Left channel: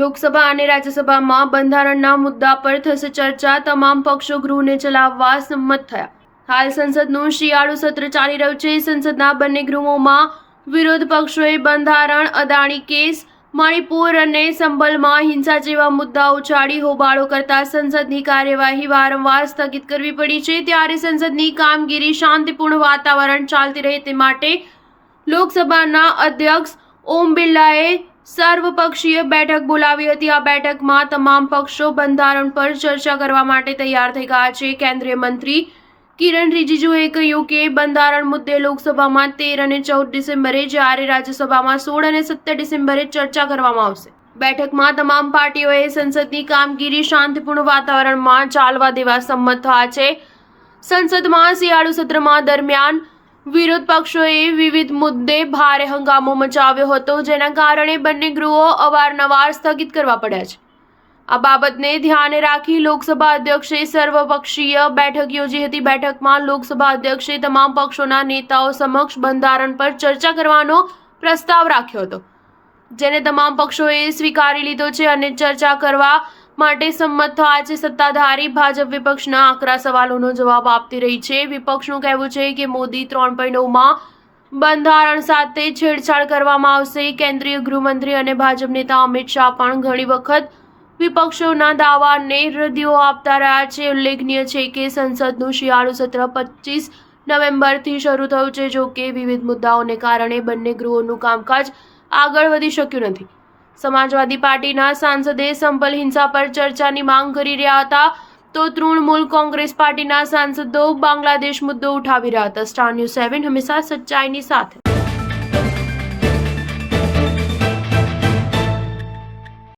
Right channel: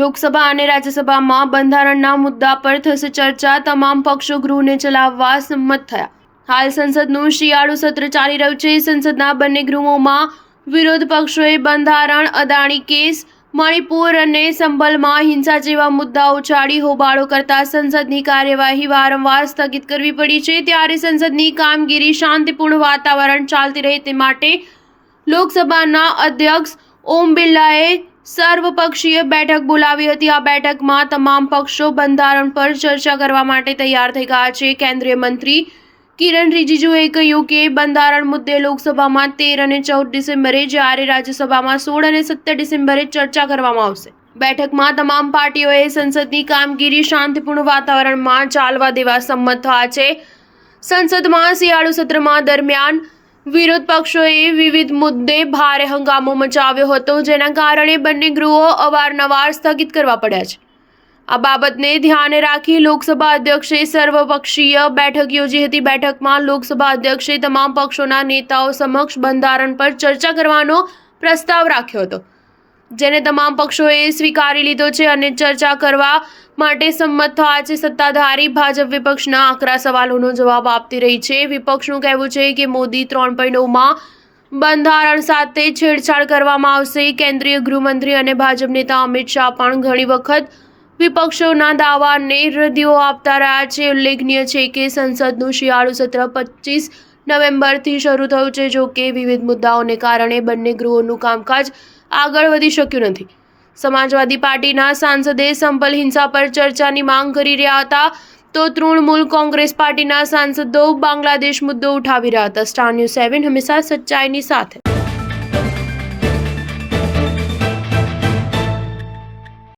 લોકસભા અને રાજ્યસભામાં બંધારણના મુદ્દા પર થશે ચર્ચા. તમામ પક્ષો ગૃહને ચલાવવા સંમત થયા. હાલ સંસદનું શિયાળુ સત્ર ચાલી રહ્યું છે. સંસદના બંને ગૃહોમાં વિરોધ પક્ષોએ બંધારણ, અદાણી કેસ, મણિપુર અને સંભલમાં હિંસા જેવા મુદ્દાઓ ઉછાળી હોબાળો કરતા સંસદની કાર્યવાહી વારંવાર સ્થગિત કરવી પડી છે. ત્યારે સંસદની કામગીરી શાંતિપૂર્ણ વાતાવરણ ચાલતી રહે તે માટે લોકસભાના અધ્યક્ષ ઓમ બિરલાએ સર્વપક્ષીય બેઠક બોલાવી હતી. આ બેઠકમાં તમામ પક્ષો બંધારણ પર ચર્ચા કરવા માટે તૈયાર થઈ ગયા છે. કેન્દ્રીય મંત્રી કિરણ રિજિજુએ કહ્યું કે બંધારણ મુદ્દે લોકસભામાં 13 અને 14 ડિસેમ્બરે જ્યારે રાજ્યસભામાં 16 અને 17 ડિસેમ્બરે ચર્ચા કરવામાં આવશે. બેઠકમાં તમામ પાર્ટીઓએ સંસદની કામગીરી શાંતિપૂર્ણ વાતાવરણમાં ચાલવા દેવા સંમત થયા છે. સંસદમાં શિયાળુ સત્રમાં દરમિયાન વિરોધ પક્ષોએ વિવિધ મુદ્દે ભારે હંગામો મચાવ્યો હતો, જેના કારણે બંને ગૃહો અવારનવાર સ્થગિત કરવા પડ્યા છે. આ બાબતને ધ્યાને રાખી લોકસભા અધ્યક્ષે સર્વપક્ષીય બેઠક યોજી હતી. બેઠકમાં લોકસભા અધ્યક્ષે તમામ પક્ષોના નેતાઓ સમક્ષ બંધારણ પર ચર્ચા કરવાનો પ્રસ્તાવ રાખ્યો હતો, જેને તમામ પક્ષોએ સ્વીકારી લીધો છે અને ચર્ચા કરવા માટે સંમત થયા છે. સત્તાધારી ભાજપ વિપક્ષના આકરા સવાલોનો જવાબ આપતી રહી છે. વિપક્ષનું કહેવું છે કે મોદી 3.9માં બંધારણ સાથે છેડછાડ કરવામાં આવશે. કેન્દ્રીય ગૃહમંત્રી અને ભાજપ નેતા અમિત શાહ પણ ઘણી વખત વિપક્ષોના દાવાને રદિયો આપતા રહ્યા છે. ઉલ્લેખનીય છે કે સંસદનું શિયાળુ સત્ર 25 નવેમ્બરથી શરૂ થયું છે. જો કે વિવિધ મુદ્દાઓને કારણે બંને ગૃહોનું કામકાજ આગળ વધી શક્યું નથી. સમાજવાદી પાર્ટીના સાંસદે સંભલ હિંસા પર ચર્ચાની માંગ કરી રહ્યા હતા, તો તૃણમૂલ કોંગ્રેસ પાર્ટીના સાંસદો બાંગ્લાદેશ મુદ્દો ઉઠાવી રહ્યા હતા. સ્ટાર ન્યૂઝ 7 હંમેશા સચ્ચાઈની સાથે.